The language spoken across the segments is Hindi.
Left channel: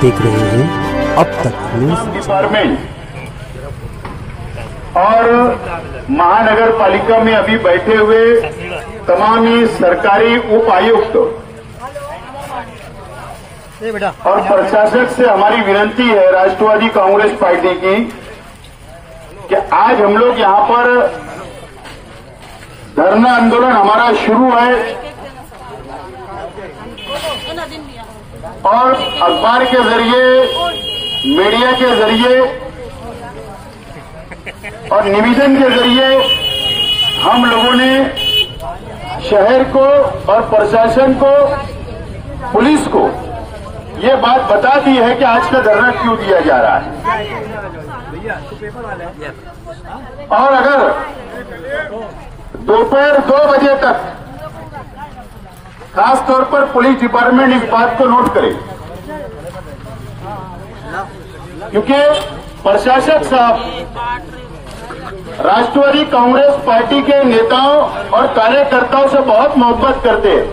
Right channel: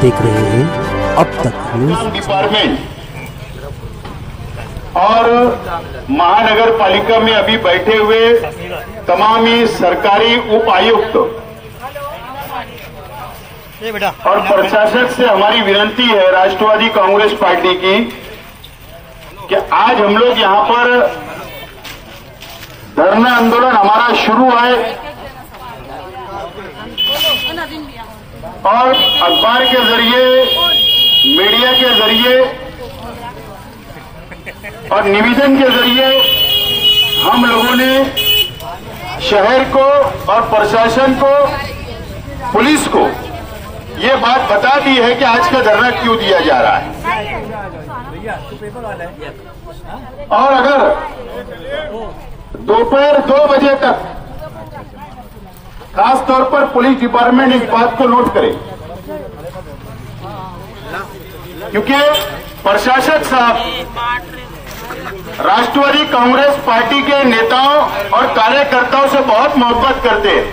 देख रहे हैं अब तक न्यूज। डिपार्टमेंट और महानगर पालिका में अभी बैठे हुए तमाम ही सरकारी उप आयुक्त और प्रशासक से हमारी विनती है राष्ट्रवादी कांग्रेस पार्टी की कि आज हम लोग यहां पर धरना आंदोलन हमारा शुरू है और अखबार के जरिए, मीडिया के जरिए और निवेदन के जरिए हम लोगों ने शहर को और प्रशासन को, पुलिस को ये बात बता दी है कि आज का धरना क्यों दिया जा रहा है। और अगर दोपहर 2 बजे तक खास तौर पर पुलिस डिपार्टमेंट इस बात को नोट करे, क्योंकि प्रशासक साहब राष्ट्रवादी कांग्रेस पार्टी के नेताओं और कार्यकर्ताओं से बहुत मोहब्बत करते हैं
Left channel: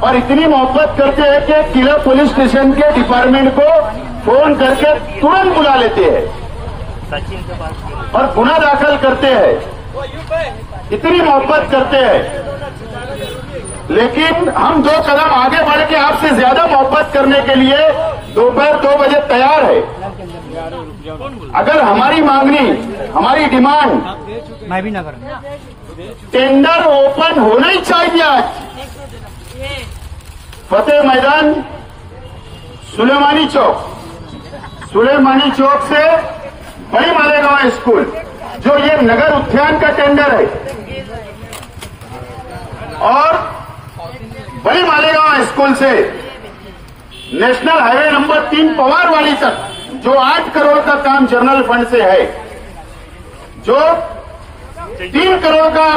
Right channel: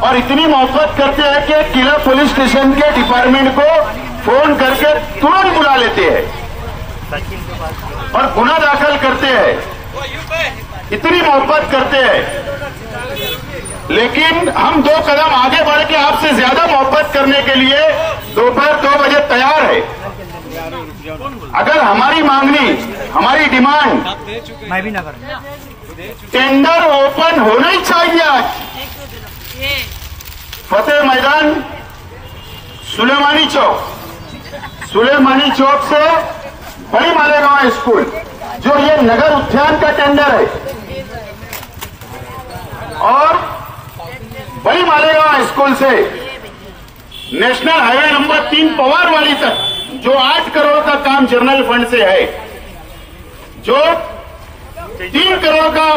और इतनी मोहब्बत करते हैं कि किला पुलिस स्टेशन के डिपार्टमेंट को फोन करके तुरंत बुला लेते हैं और गुना दाखिल करते हैं, इतनी मोहब्बत करते हैं। लेकिन हम 2 कदम आगे बढ़ के आपसे ज्यादा मोहब्बत करने के लिए दोपहर 2 बजे तैयार है। अगर हमारी मांगनी, हमारी डिमांड, टेंडर ओपन होना ही चाहिए। आज फतेह मैदान सुलेमानी चौक से बड़ी मालेगांव स्कूल, जो ये नगर उद्यान का टेंडर है, और बड़ी मालेगांव स्कूल से नेशनल हाईवे नंबर 3 पवार वाली तक जो 8 करोड़ का काम जनरल फंड से है, जो 3 करोड़ का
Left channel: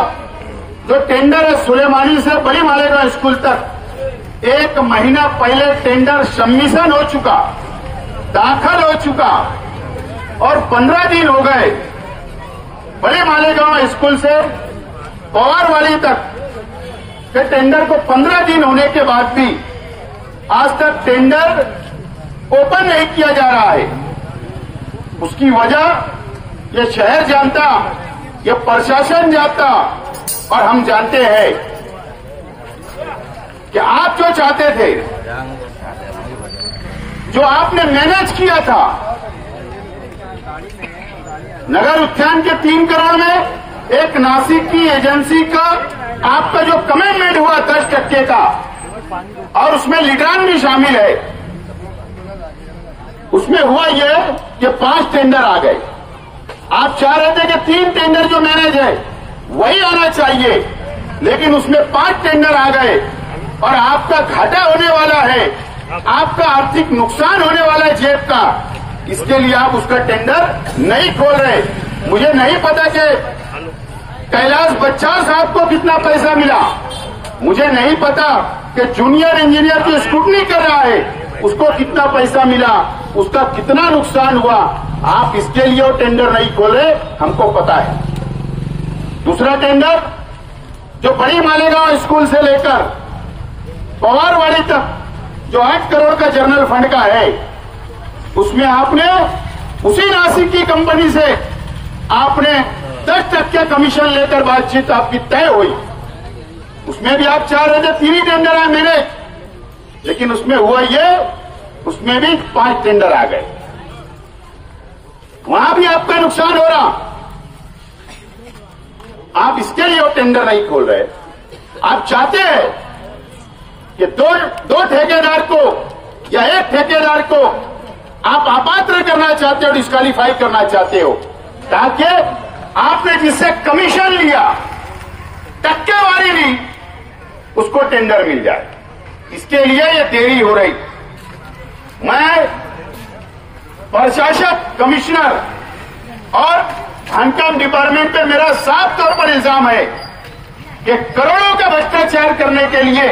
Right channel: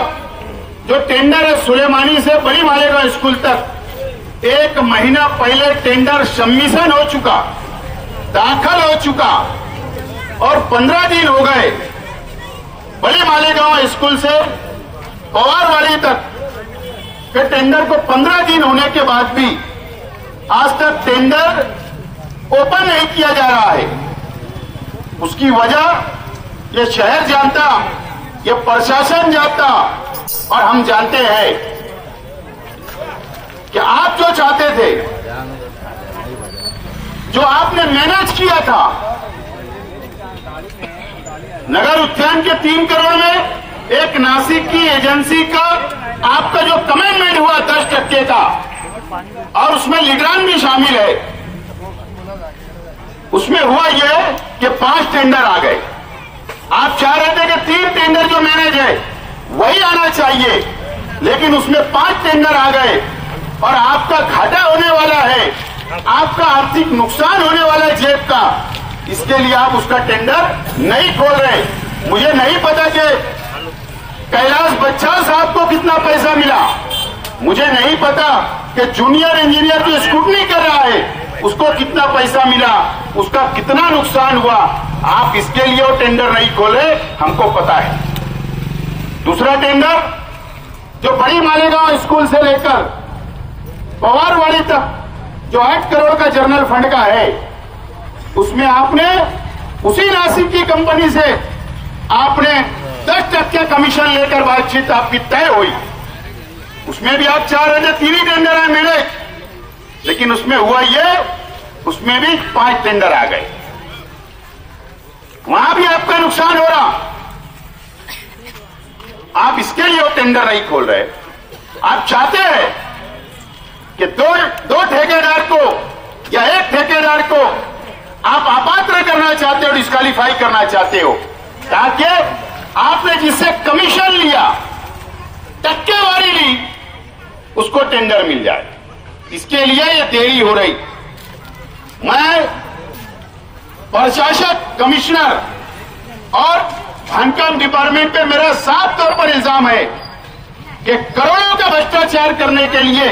जो टेंडर है सुलेमानी से बड़ी मालेगांव स्कूल तक, 1 महीना पहले टेंडर सबमिशन हो चुका, दाखिल हो चुका और 15 दिन हो गए। बड़े मालेगांव स्कूल से पवार वाली तक के टेंडर को 15 दिन होने के बाद भी आज तक टेंडर ओपन नहीं किया जा रहा है। उसकी वजह ये शहर जानता, ये प्रशासन जानता और हम जानते हैं कि आप जो चाहते थे, जो आपने मैनेज किया था, नगर उद्यान के 3 करोड़ में एक नासिक की एजेंसी का आपका जो कमिटमेंट हुआ 10% का, और उसमें लीडरान भी शामिल है, उसमें हुआ यह कि 5 टेंडर आ गए। आप चाह रहे थे कि 3 टेंडर जो मैनेज है वही आना चाहिए, लेकिन उसमें 5 टेंडर आ गए और आपका घाटा होने वाला है, आपका आर्थिक नुकसान होने वाला है जेब का। इसके लिए आप उसका टेंडर नहीं खोल रहे। मुझे नहीं पता कि कैलाश बच्चार साहब को कितना पैसा मिला, मुझे नहीं पता कि जूनियर इंजीनियर जो स्क्रूटनी कर रहा है उसको कितना पैसा मिला, उसका कितना नुकसान हुआ। आप इसके लिए वो टेंडर नहीं खोले, हमको पता है। दूसरा टेंडर जो बड़ी मालेगांव स्कूल से लेकर पवारवाड़ी तक जो 8 करोड़ का जनरल फंड का है, उसमें आपने उसी नासिक की कंपनी से आपने 10% कमीशन लेकर बातचीत आपकी तय हुई। उसमें भी आप चाह रहे थे 3 ही टेंडर आए मेरे, लेकिन उसमें हुआ ये, उसमें भी 5 टेंडर आ गए। वहां भी आपका नुकसान हो रहा। आप इसके लिए वो टेंडर नहीं खोल रहे। आप चाहते हैं कि दो ठेकेदार को या एक ठेकेदार को आप अपात्र करना चाहते हो, डिस्क्वालीफाई करना चाहते हो, ताकि आपने जिससे कमीशन लिया, टक्केवारी ली, उसको टेंडर मिल जाए। इसके लिए ये देरी हो रही। मैं प्रशासक, कमिश्नर और खानकाम डिपार्टमेंट पे मेरा साफ तौर पर इल्जाम है कि करोड़ों का भ्रष्टाचार करने के लिए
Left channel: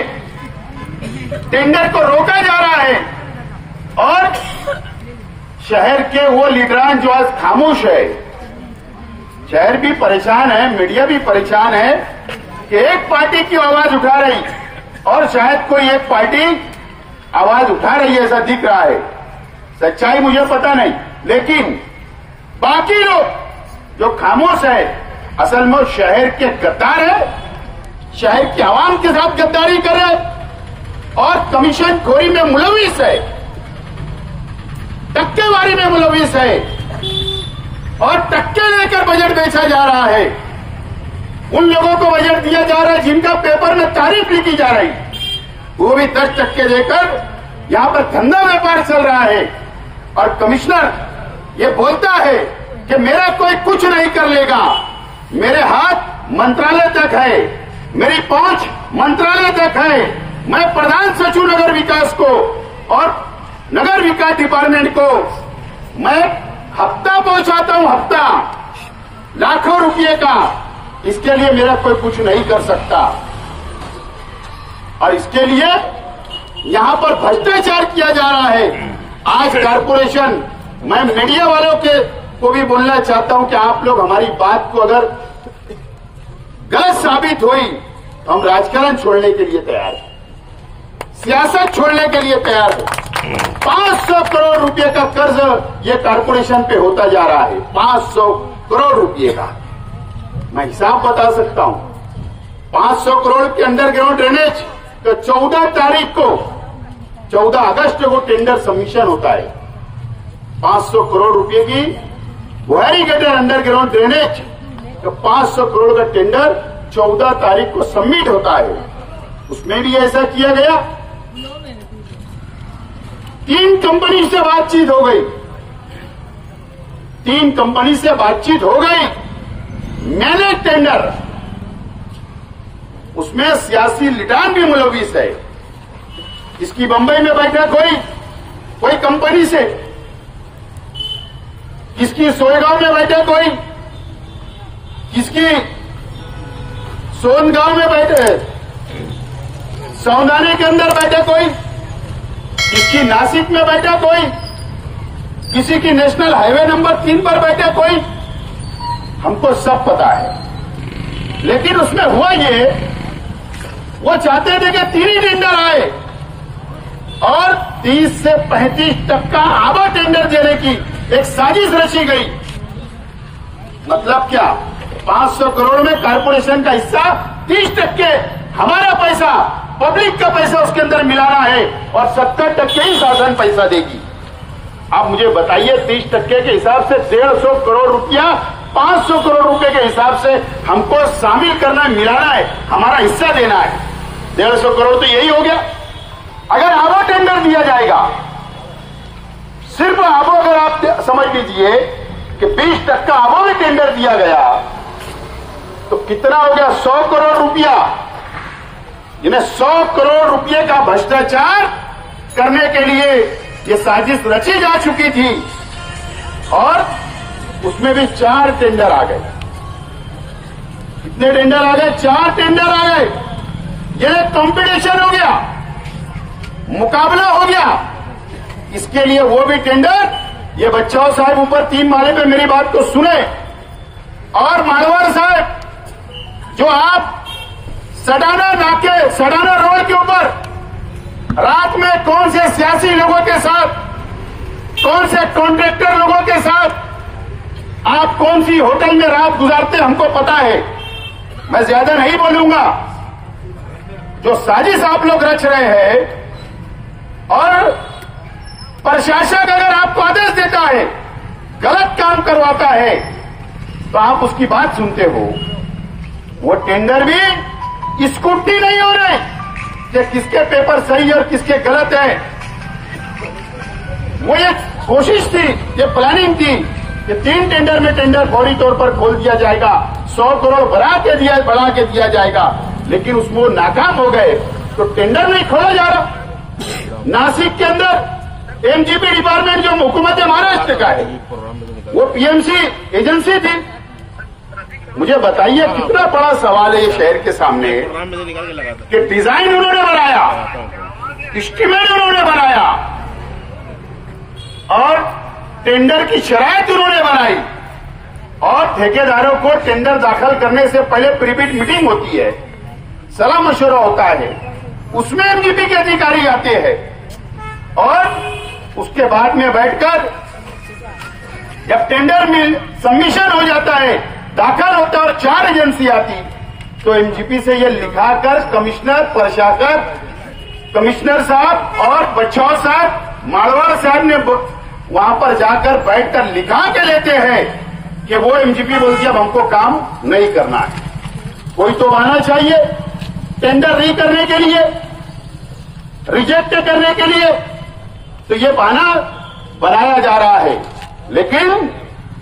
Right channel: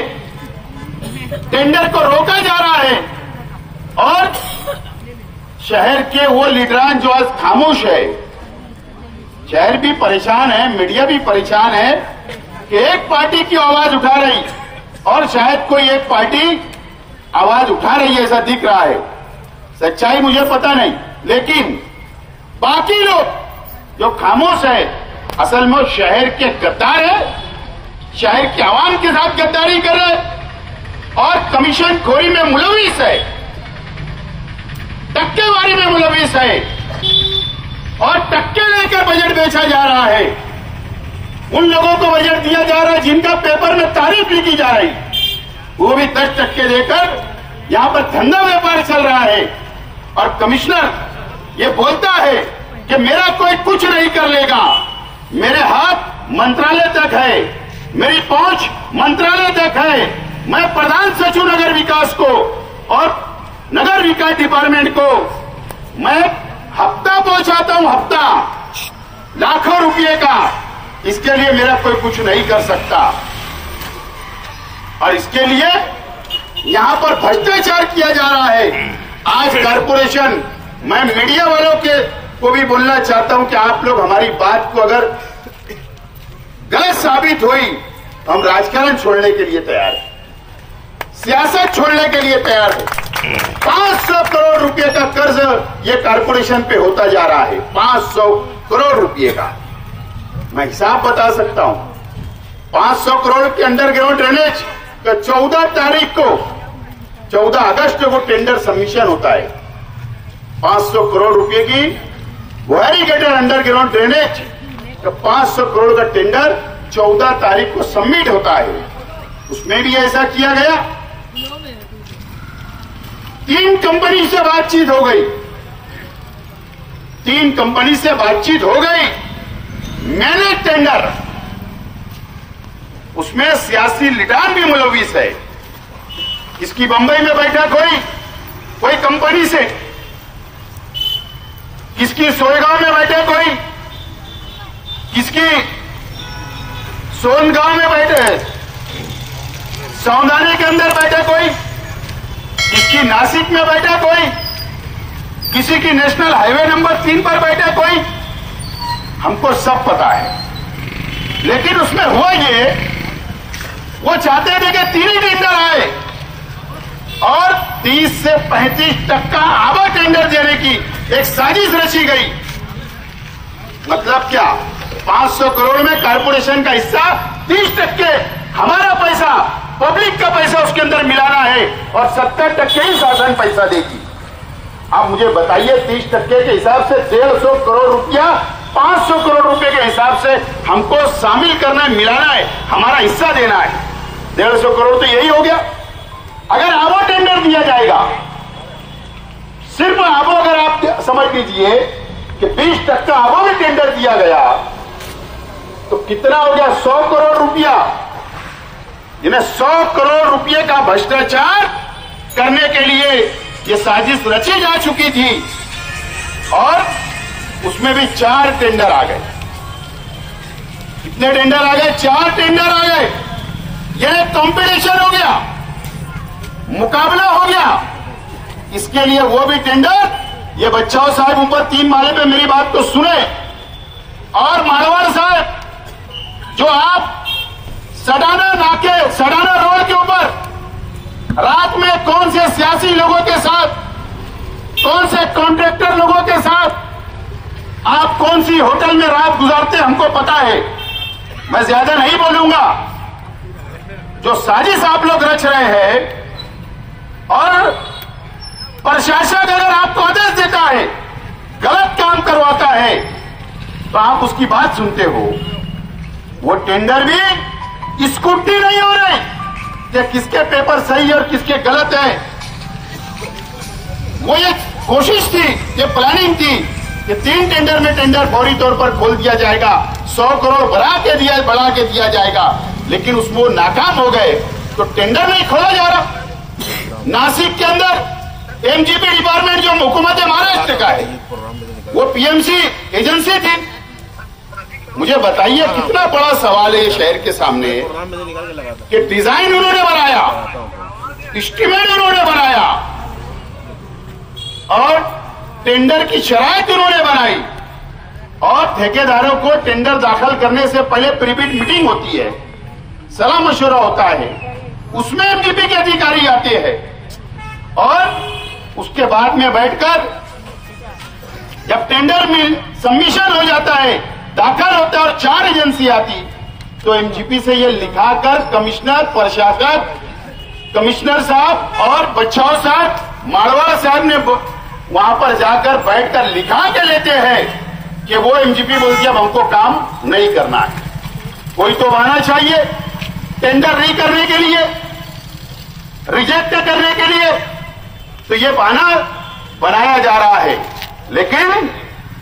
टेंडर को रोका जा रहा है और शहर के वो लीडरान जो आज खामोश है, शहर भी परेशान है, मीडिया भी परेशान है कि एक पार्टी की आवाज उठा रही और शायद कोई एक पार्टी आवाज उठा रही है, ऐसा दिख रहा है। सच्चाई मुझे पता नहीं, लेकिन बाकी लोग जो खामोश है, असल में शहर के गद्दार है, शहर की आवाम के साथ गद्दारी कर रहे हैं और कमीशन खोरी में मुलविस है, टक्केवारी में मुलविस है और टक्के लेकर बजट बेचा जा रहा है। उन लोगों को बजट दिया जा रहा है जिनका पेपर में तारीफ लिखी जा रही, वो भी 10% देकर यहां पर धंधा व्यापार चल रहा है। और कमिश्नर ये बोलता है कि मेरा कोई कुछ नहीं कर लेगा, मेरे हाथ मंत्रालय तक है, मेरी पहुंच मंत्रालय तक है, मैं प्रधान सचिव नगर विकास को और नगर विकास डिपार्टमेंट को मैं हफ्ता पहुंचाता हूं, हफ्ता लाखों रुपए का, इसके लिए मेरा कोई कुछ नहीं कर सकता। और इसके लिए यहां पर भ्रष्टाचार किया जा रहा है। आज कारपोरेशन, मैं मीडिया वालों को भी बोलना चाहता हूं कि आप लोग हमारी बात को अगर गलत साबित हुई तो हम राजकारण छोड़ने के लिए तैयार हैं, सियासत छोड़ने के लिए तैयार हैं। 500 करोड़ रुपए का कर्ज ये कारपोरेशन पे होता जा रहा है, 500 करोड़ रुपए का। मैं हिसाब बता सकता हूं, 500 करोड़ के अंडरग्राउंड ड्रेनेज का 14 तारीख को, 14 अगस्त को टेंडर सबमिशन होता है। 500 करोड़ रुपए की वेरीगेटेड अंडरग्राउंड ड्रेनेज का 500 करोड़ का टेंडर 14 तारीख को सबमिट होता है। उसमें भी ऐसा किया गया, 3 कंपनी से बातचीत हो गई, 3 कंपनी से बातचीत हो गई, मैंने टेंडर, उसमें सियासी लिटान भी मुलविस है। इसकी बंबई में बैठक हुई कोई कंपनी से, किसकी सोयगांव में बैठक हुई, किसकी सोनगांव में बैठे, सौंदानी के अंदर बैठक हुई, किसकी नासिक में बैठक हुई, किसी की नेशनल हाईवे नंबर 3 पर बैठक हुई, हमको सब पता है। लेकिन उसमें हुआ ये, वो चाहते थे कि 3 ही टेंडर आए और 30 से 35% आवा टेंडर देने की एक साजिश रची गई। मतलब क्या, 500 करोड़ में कारपोरेशन का हिस्सा 30%, हमारा पैसा, पब्लिक का पैसा उसके अंदर मिलाना है और 70% ही शासन पैसा देगी। आप मुझे बताइए, 30% के हिसाब से 150 करोड़ रुपया, 500 करोड़ रुपए के हिसाब से हमको शामिल करना है, मिलाना है, हमारा हिस्सा देना है। 150 करोड़ तो यही हो गया। अगर आवा टेंडर दिया जाएगा, सिर्फ आबो, अगर आप समझ लीजिए कि 20% आबो भी टेंडर दिया गया तो कितना हो गया, 100 करोड़ रुपया। जिन्हें 100 करोड़ रुपये का भ्रष्टाचार करने के लिए ये साजिश रची जा चुकी थी और उसमें भी 4 टेंडर आ गए। कितने टेंडर आ गए? 4 टेंडर आ गए। ये कंपटीशन हो गया, मुकाबला हो गया। इसके लिए वो भी टेंडर, ये बच्चाओं साहब ऊपर 3 माले पे मेरी बात को सुने, और मारवाड़ साहब, जो आप सडाना नाके, सडाना रोड के ऊपर रात में कौन से सियासी लोगों के साथ, कौन से कॉन्ट्रैक्टर लोगों के साथ आप कौन सी होटल में रात गुजारते हमको पता है। मैं ज्यादा नहीं बोलूंगा। जो साजिश आप लोग रच रहे हैं, और प्रशासन अगर आपको आदेश देता है, गलत काम करवाता है, तो आप उसकी बात सुनते हो। वो टेंडर भी स्क्रूटनी नहीं हो रहे कि किसके पेपर सही और किसके गलत है। वो एक कोशिश थी, ये प्लानिंग थी कि 3 टेंडर में टेंडर फौरी तौर पर खोल दिया जाएगा, 100 करोड़ बढ़ा के दिया जाएगा, लेकिन उसमें वो नाकाम हो गए तो टेंडर नहीं खोला जा रहा। नासिक के अंदर एमजीपी डिपार्टमेंट जो हुकूमत महाराष्ट्र का है, वो पीएमसी एजेंसी थी। मुझे बताइए कितना बड़ा सवाल है ये शहर के सामने कि डिजाइन उन्होंने बनाया, एस्टीमेट उन्होंने बनाया और टेंडर की शराइत उन्होंने बनाई, और ठेकेदारों को टेंडर दाखिल करने से पहले प्रीबिड मीटिंग होती है, सलाह मशवरा होता है, उसमें एमजीपी के अधिकारी आते हैं, और उसके बाद में बैठकर जब टेंडर में सबमिशन हो जाता है, दाखिल होता है और 4 एजेंसी आती, तो एमजीपी से ये लिखाकर कमिश्नर, प्रशासक, कमिश्नर साहब और बच्चाओं साहब, मारवाड़ साहब ने वहां पर जाकर बैठकर लिखा के लेते हैं कि वो एमजीपी बोलती है अब हमको काम नहीं करना है। कोई तो बहाना चाहिए टेंडर नहीं करने के लिए, रिजेक्ट करने के लिए, तो ये बहाना बनाया जा रहा है। लेकिन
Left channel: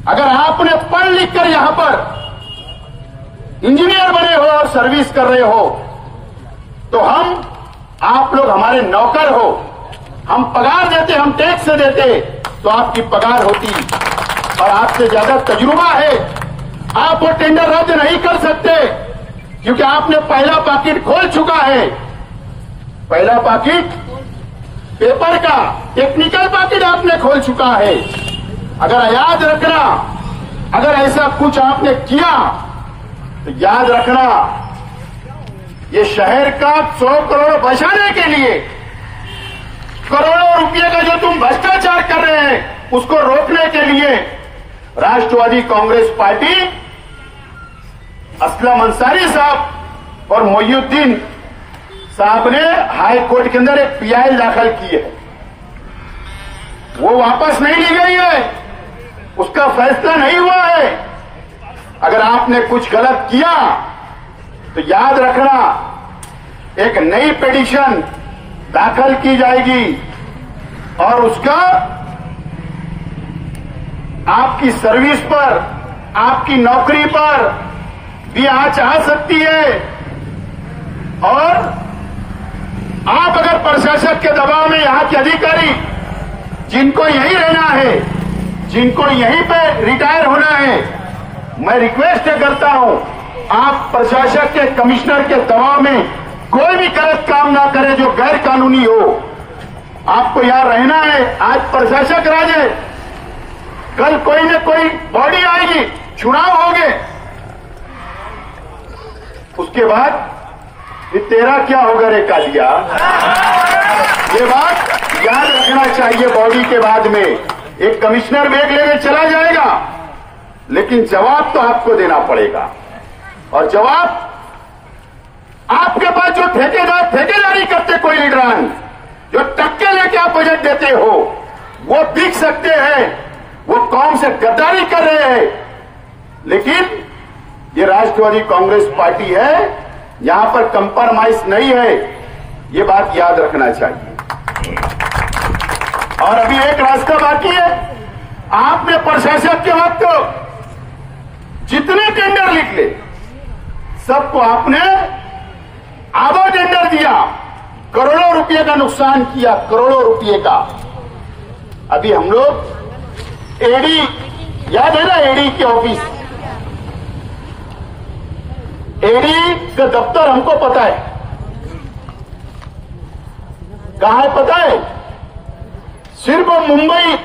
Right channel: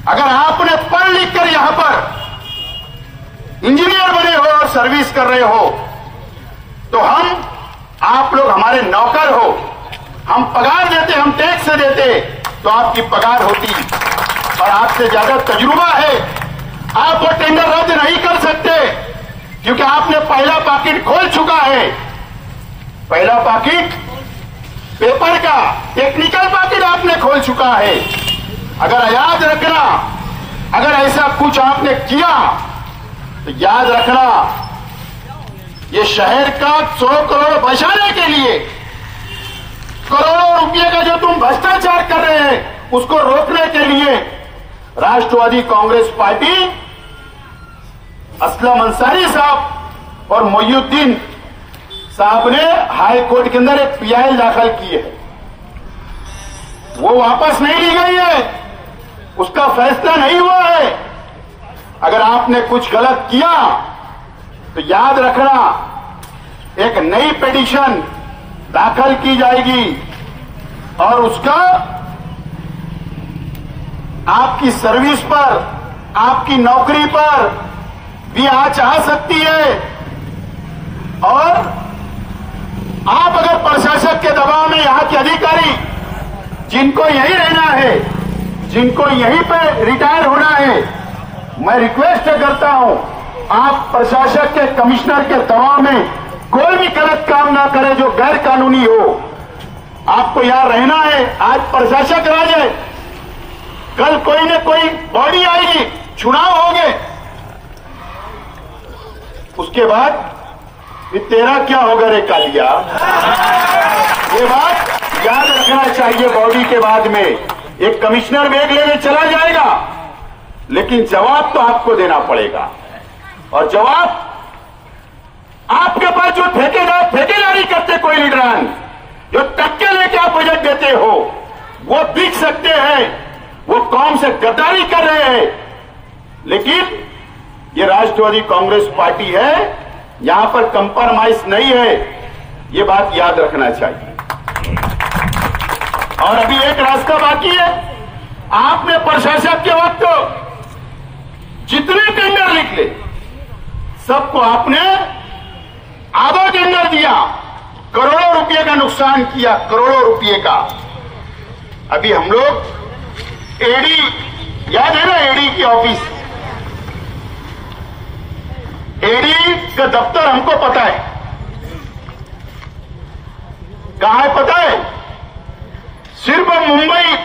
अगर आपने पढ़ लिख कर यहां पर इंजीनियर बने हो और सर्विस कर रहे हो, तो आप लोग हमारे नौकर हो, हम पगार देते, हम टैक्स देते, तो आपकी पगार होती और आपसे ज्यादा तजुर्बा है। आप वो टेंडर रद्द नहीं कर सकते क्योंकि आपने पहला पैकेट खोल चुका है। पहला पैकेट पेपर का टेक्निकल पैकेट आपने खोल चुका है। अगर याद रखना, अगर ऐसा कुछ आपने किया तो याद रखना, ये शहर का 100 करोड़ बचाने के लिए, करोड़ों रुपए का जो तुम भ्रष्टाचार कर रहे हैं उसको रोकने के लिए राष्ट्रवादी कांग्रेस पार्टी असलम अंसारी साहब और मोइनुद्दीन साहब ने हाई कोर्ट के अंदर एक पीआई दाखिल की है। वो वापस नहीं ली गई है, उसका फैसला नहीं हुआ है। अगर आपने कुछ गलत किया तो याद रखना, एक नई पिटीशन दाखिल की जाएगी और उसका आपकी सर्विस पर, आपकी नौकरी पर भी आंच आ सकती है। और आप अगर प्रशासक के दबाव में यहां के अधिकारी जिनको यही रहना है, जिनको यहीं पे रिटायर होना है, मैं रिक्वेस्ट करता हूं आप प्रशासक के, कमिश्नर के दबाव में कोई भी गलत काम ना करे जो गैर कानूनी हो। आपको यहां रहना है। आज प्रशासक राज है, कल कोई न कोई बॉडी आएगी, चुनाव होंगे, उसके बाद फिर तेरा क्या होगा रे कालिया। ये बात याद रखना चाहिए। बॉडी के बाद में एक कमिश्नर बैग लेके चला जाएगा, लेकिन जवाब तो आपको देना पड़ेगा। और जवाब आपके पास जो ठेकेदारी करते कोई लीडरान, जो टक्के लेके आप बजट देते हो, वो बिक सकते हैं, वो कौम से गद्दारी कर रहे हैं। लेकिन ये राष्ट्रवादी कांग्रेस पार्टी है, यहां पर कंप्रोमाइज नहीं है, ये बात याद रखना चाहिए। और अभी एक रास्ता बाकी है। आपने प्रशासक के वक्त जितने टेंडर लिख ले, सबको आपने आधा टेंडर दिया, करोड़ों रुपए का नुकसान किया, करोड़ों रुपए का। अभी हम लोग एडी, याद है ना एडी की ऑफिस, एडी का दफ्तर हमको पता है कहां है, पता है? सिर्फ मुंबई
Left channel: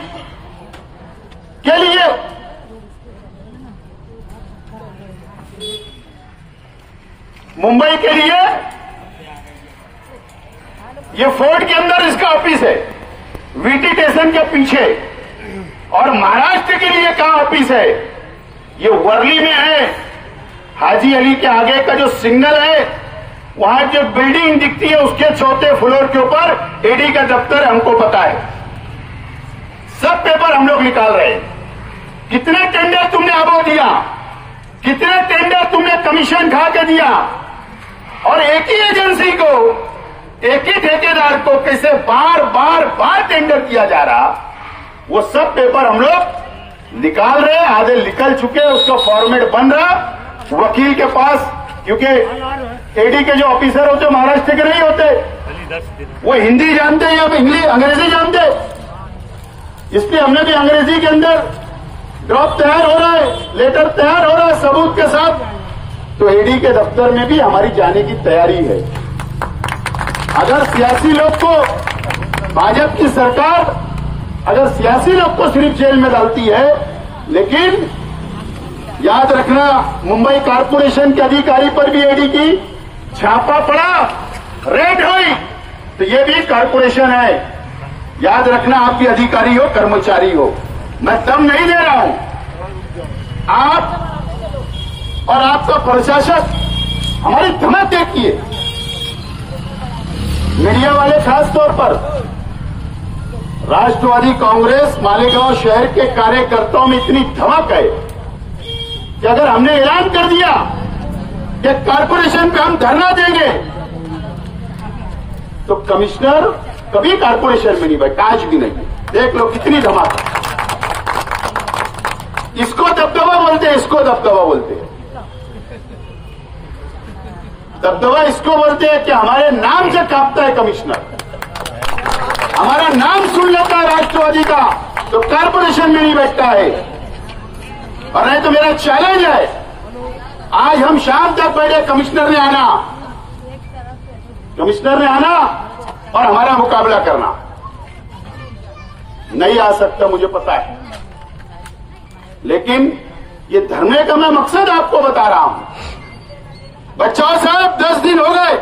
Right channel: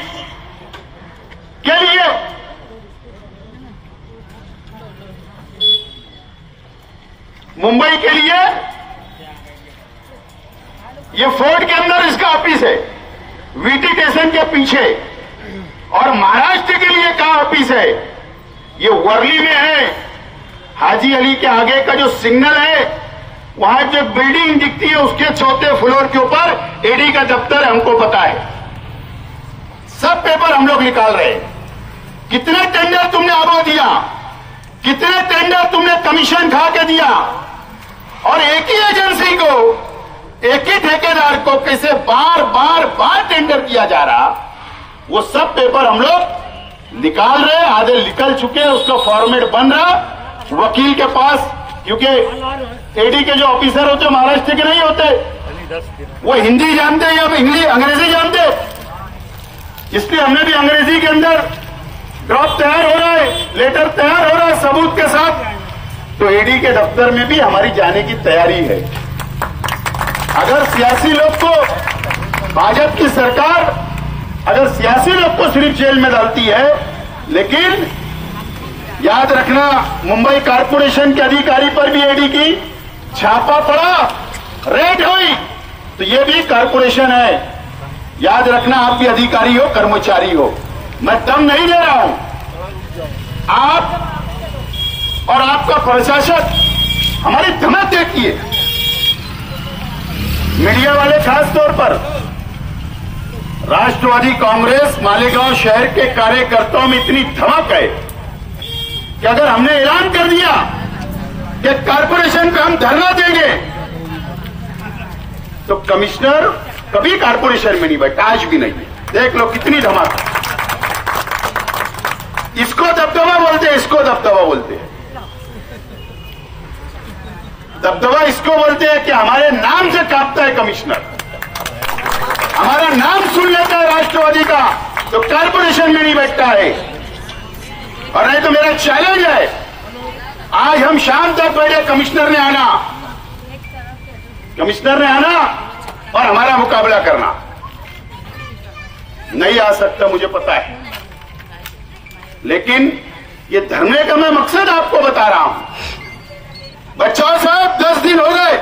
के लिए ये फोर्ट के अंदर इसका ऑफिस है, वीटी स्टेशन के पीछे। और महाराष्ट्र के लिए कहां ऑफिस है? ये वर्ली में है, हाजी अली के आगे का जो सिग्नल है, वहां जो बिल्डिंग दिखती है उसके 4थे फ्लोर के ऊपर एडी का दफ्तर है, हमको पता है। सब पेपर हम लोग निकाल रहे हैं। कितने टेंडर तुमने अबो दिया, कितने टेंडर तुमने कमीशन खा के दिया, और एक ही एजेंसी को, एक ही ठेकेदार को कैसे बार बार बार टेंडर किया जा रहा, वो सब पेपर हम लोग निकाल रहे हैं। आधे निकल चुके हैं, उसका फॉर्मेट बन रहा वकील के पास, क्योंकि एडी के जो ऑफिसर होते महाराष्ट्र के नहीं होते, वो हिंदी जानते या इंग्लिश अंग्रेजी जानते, इसलिए हमने भी अंग्रेजी के अंदर ड्रॉप तैयार हो रहा है, लेटर तैयार हो रहा है सबूत के साथ। तो एडी के दफ्तर में भी हमारी जाने की तैयारी है। अगर सियासी लोग को, भाजपा की सरकार अगर सियासी लोग को सिर्फ जेल में डालती है, लेकिन याद रखना मुंबई कारपोरेशन के अधिकारी पर भी एडी की छापा पड़ा, रेड हुई, तो ये भी कारपोरेशन है, याद रखना, आप भी अधिकारी हो, कर्मचारी हो, मैं दम नहीं दे रहा हूं। आप और आपका प्रशासन हमारी धमक देखिए। मीडिया वाले खास तौर पर राष्ट्रवादी कांग्रेस मालेगांव शहर के कार्यकर्ताओं में इतनी धमक है कि अगर हमने ऐलान कर दिया कि कारपोरेशन पे हम धरना देंगे तो कमिश्नर कभी कारपोरेशन में नहीं बैठा, आज भी नहीं। देख लो कितनी धमक। इसको दबदबा बोलते हैं, इसको दबदबा बोलते हैं। दबदबा इसको बोलते हैं कि हमारे नाम से कांपता है कमिश्नर, हमारा नाम सुन लेता है राष्ट्रवादी का तो कारपोरेशन में नहीं बैठता है। और नहीं तो मेरा चैलेंज है, आज हम शाम तक बैठे, कमिश्नर ने आना और हमारा मुकाबला करना। नहीं आ सकता, मुझे पता है, लेकिन ये धरने का मैं मकसद आपको बता रहा हूं। बच्चों साहब 10 दिन हो गए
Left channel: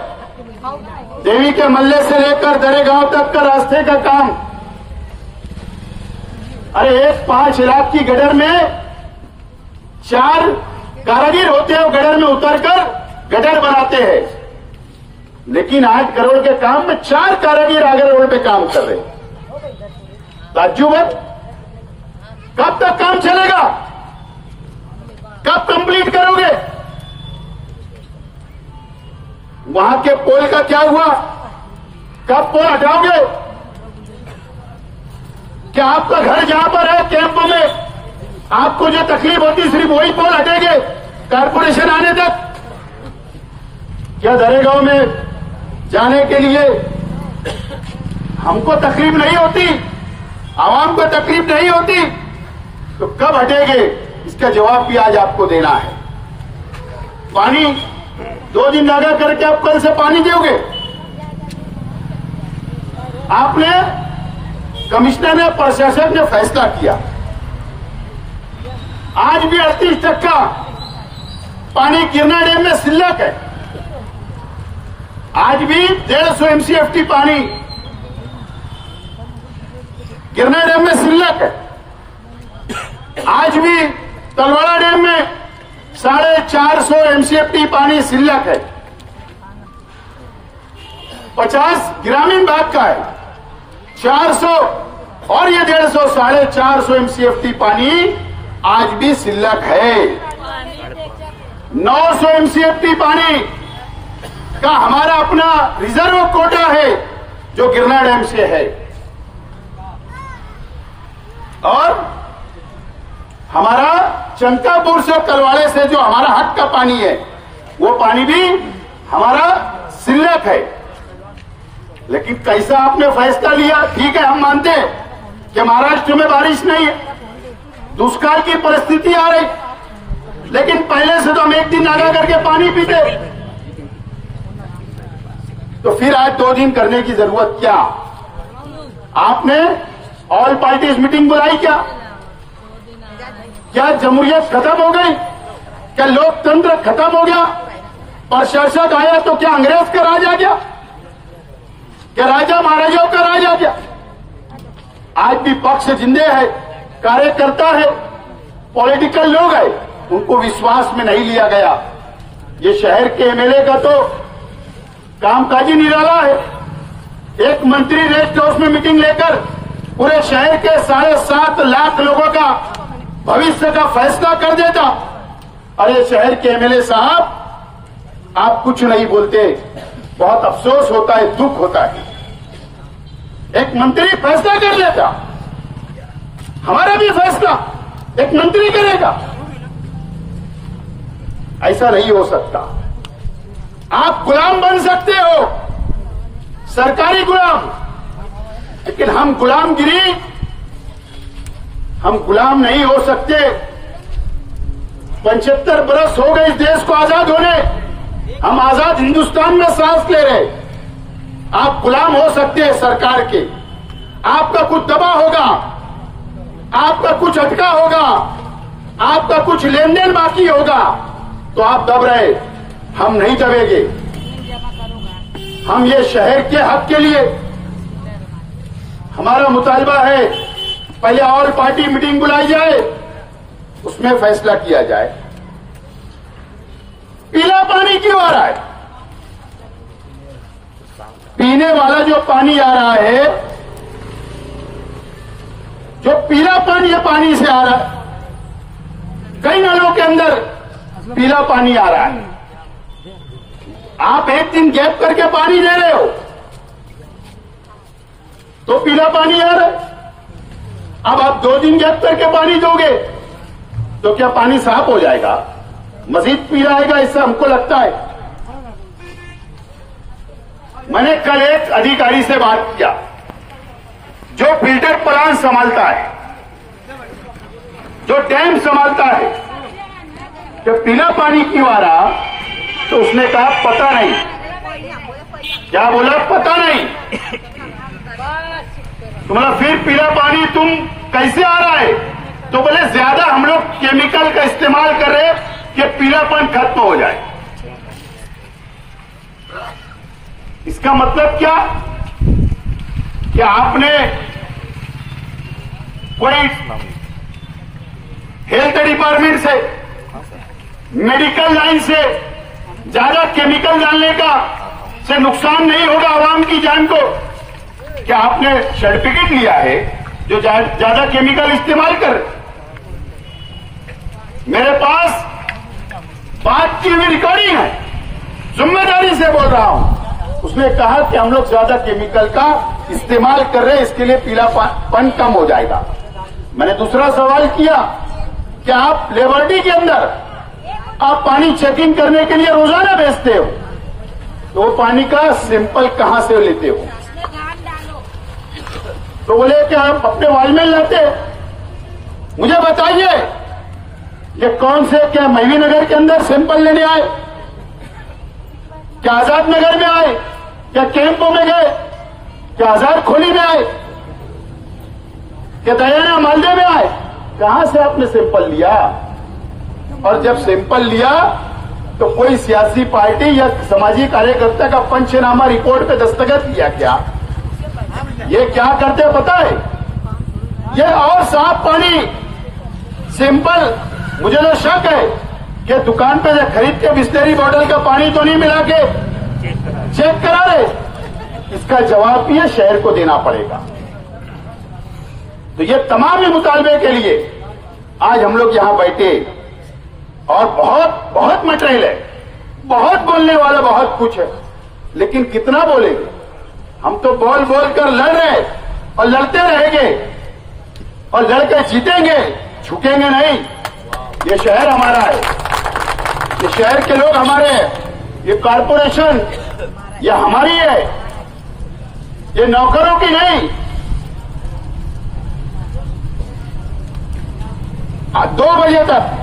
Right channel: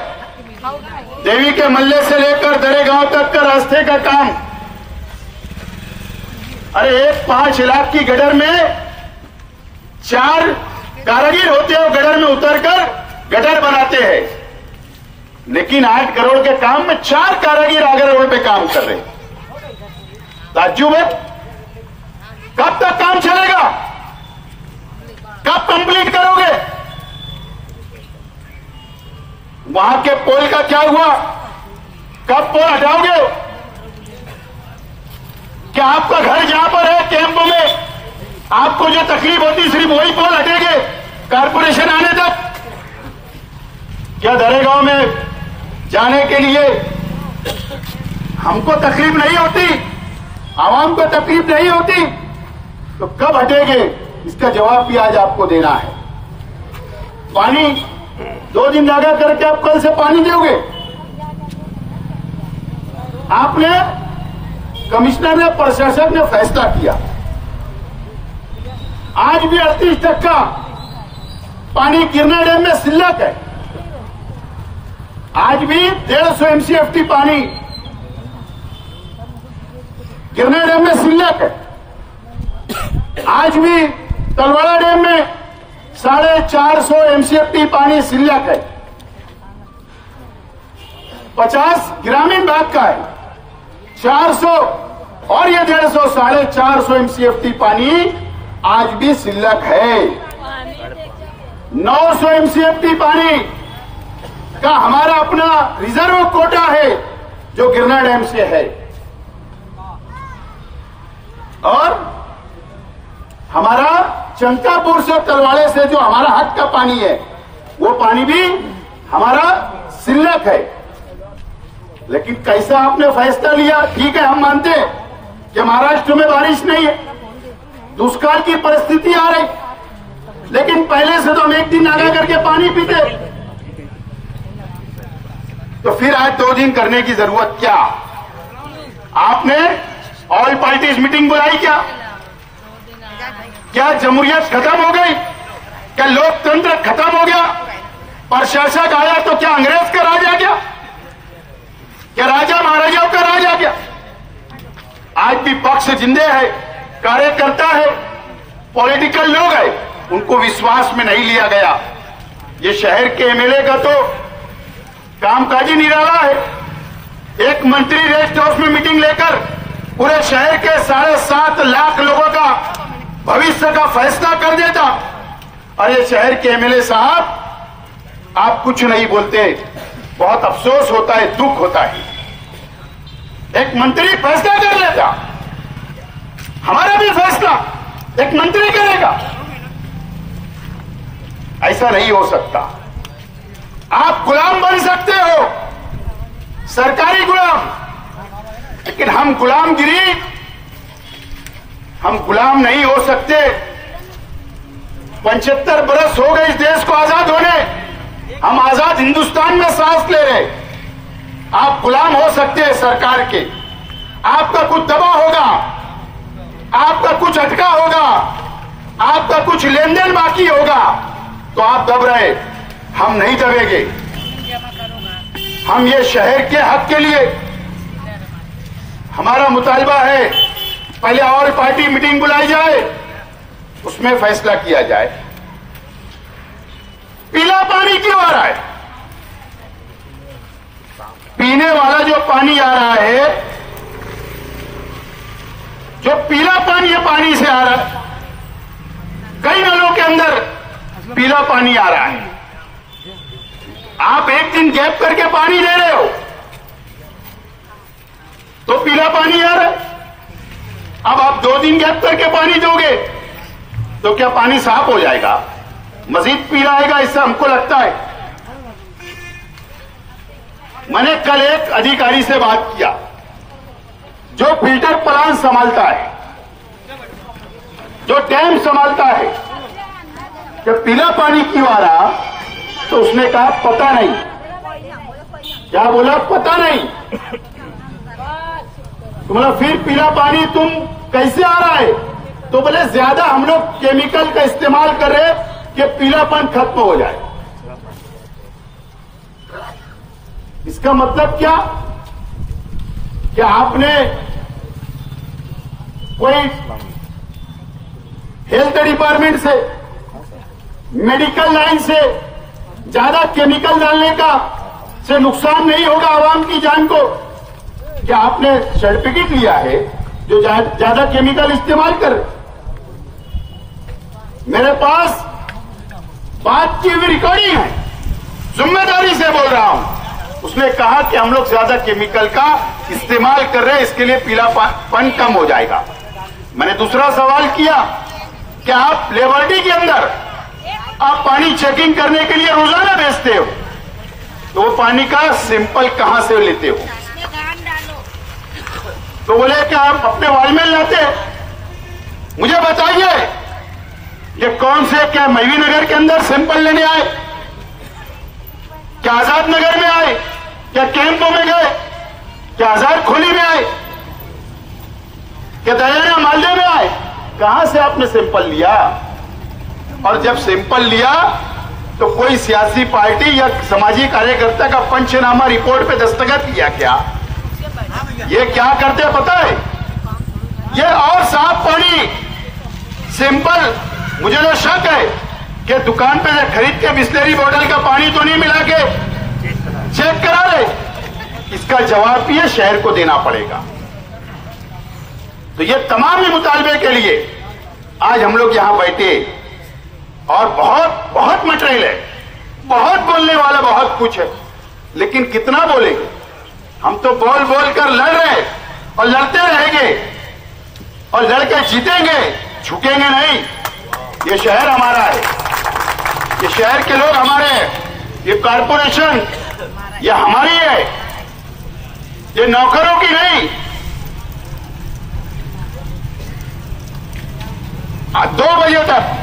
देवी के मल्ले से लेकर दरेगांव तक का रास्ते का काम। अरे एक 5 लाख की गटर में 4 कारीगर होते हैं, गटर में उतरकर गटर बनाते हैं, लेकिन 8 करोड़ के काम में 4 कारीगर आगे रोड पे काम कर रहे हैं। ताज्जुब है, कब तक काम चलेगा? कब कंप्लीट करोगे? वहां के पोल का क्या हुआ? कब पोल हटाओगे? क्या आपका घर जहां पर है कैंप में, आपको जो तकलीफ होती सिर्फ वही पोल हटेंगे कारपोरेशन आने तक? क्या दरेगांव में जाने के लिए हमको तकलीफ नहीं होती, आवाम को तकलीफ नहीं होती, तो कब हटेंगे? इसका जवाब भी आज आपको देना है। पानी 2 दिन लगा करके आप कल से पानी दोगे? आपने, कमिश्नर ने, प्रशासक ने फैसला किया, आज भी 38% पानी गिरना डैम में सिल्लक है। आज भी 150 MCFT पानी गिरना डैम में सिल्लक है। आज भी तलवाड़ा डैम में 450 MCFT पानी सिल्लक है। 50 ग्रामीण भाग का है, 400 और ये 150, 450 MCFT पानी आज भी सिल्लक है। 900 MCFT पानी का हमारा अपना रिजर्व कोटा है जो गिरना डैम से है, और हमारा चंकापुर से तलवाड़े से जो हमारा हक का पानी है वो पानी भी हमारा सिल्लक है। लेकिन कैसा आपने फैसला लिया? ठीक है, हम मानते हैं कि महाराष्ट्र में बारिश नहीं है, दुष्काल की परिस्थिति आ रही, लेकिन पहले से तो हम 1 दिन आगा करके पानी पीते, तो फिर आज 2 दिन करने की जरूरत क्या? आपने ऑल पार्टीज मीटिंग बुलाई क्या? क्या जमहूरियत खत्म हो गई? क्या लोकतंत्र खत्म हो गया? प्रशासक आया तो क्या अंग्रेज का राज आ गया? क्या राजा महाराजाओं का राज आ गया? आज भी पक्ष जिंदे है, कार्यकर्ता है, पॉलिटिकल लोग है, उनको विश्वास में नहीं लिया गया। ये शहर के एमएलए का तो कामकाजी निराला है। एक मंत्री रेस्ट हाउस में मीटिंग लेकर पूरे शहर के 7.5 लाख लोगों का भविष्य का फैसला कर देता। अरे शहर के एमएलए साहब, आप कुछ नहीं बोलते, बहुत अफसोस होता है, दुख होता है। एक मंत्री फैसला कर लेता, हमारा भी फैसला एक मंत्री करेगा, ऐसा नहीं हो सकता। आप गुलाम बन सकते हो, सरकारी गुलाम, लेकिन हम गुलाम नहीं हो सकते। 75 बरस हो गए इस देश को आजाद होने, हम आजाद हिंदुस्तान में सांस ले रहे। आप गुलाम हो सकते हैं सरकार के, आपका कुछ दबा होगा, आपका कुछ अटका होगा, आपका कुछ लेन देन बाकी होगा, तो आप दब रहे, हम नहीं दबेंगे। हम ये शहर के हक के लिए हमारा मुतालबा है पहले ऑल पार्टी मीटिंग बुलाई जाए, उसमें फैसला किया जाए। पीला पानी क्यों आ रहा है? पीने वाला जो पानी आ रहा है, जो पीला पानी है, पानी से आ रहा है, कई नलों के अंदर पीला पानी आ रहा है। आप एक दिन गैप करके पानी दे रहे हो तो पीला पानी आ रहा है। अब आप 2 दिन गैप करके पानी दोगे तो क्या पानी साफ हो जाएगा? मजीद पीला आएगा, इससे हमको लगता है। मैंने कल एक अधिकारी से बात किया जो फिल्टर प्लांट संभालता है, जो डैम संभालता है, कि पीला पानी क्यों आ रहा, तो उसने कहा पता नहीं। क्या बोला? पता नहीं। तुम्हारा फिर पीला पानी तुम कैसे आ रहा है? तो बोले ज्यादा हम लोग केमिकल का इस्तेमाल कर रहे कि पीलापन खत्म हो जाए। इसका मतलब क्या? कि आपने कोई हेल्थ डिपार्टमेंट से, मेडिकल लाइन से ज्यादा केमिकल डालने का से नुकसान नहीं होगा आवाम की जान को। क्या आपने सर्टिफिकेट लिया है जो ज्यादा केमिकल इस्तेमाल कर? मेरे पास बात की हुई रिकॉर्डिंग है, जिम्मेदारी से बोल रहा हूं। उसने कहा कि हम लोग ज्यादा केमिकल का इस्तेमाल कर रहे हैं, इसके लिए पीलापन कम हो जाएगा। मैंने दूसरा सवाल किया कि आप लेबोरेटरी के अंदर आप पानी चेकिंग करने के लिए रोजाना भेजते हो, तो वो पानी का सैंपल कहां से लेते हो? तो बोले कि आप अपने वालमेन लाते हो। मुझे बताइए ये कौन से, क्या महवी नगर के अंदर सैंपल लेने आए? क्या आजाद नगर में आए? क्या कैंपों में गए? क्या आजाद खोली में आए? क्या दयाना मालदे में आए? कहां से आपने सैंपल लिया? और जब सैंपल लिया तो कोई सियासी पार्टी या सामाजिक कार्यकर्ता का पंचनामा रिपोर्ट पे दस्तखत किया क्या? ये क्या करते हैं पता है? ये और साफ पानी सैंपल, मुझे तो शक है कि दुकान पे खरीद के बिस्लेरी बॉटल का पानी तो नहीं मिला के चेक करा रहे। इसका जवाब भी शहर को देना पड़ेगा। तो ये तमाम ही मुतालबे के लिए आज हम लोग यहां बैठे, और बहुत बहुत मटेरियल है, बहुत बोलने वाला बहुत कुछ है, लेकिन कितना बोलेंगे? हम तो बोल बोल कर लड़ रहे और लड़ते रहेंगे और लड़के जीतेंगे, झुकेंगे नहीं। ये शहर हमारा है, ये शहर के लोग हमारे हैं, ये कॉरपोरेशन ये हमारी है, ये नौकरों की नहीं। 2 बजे तक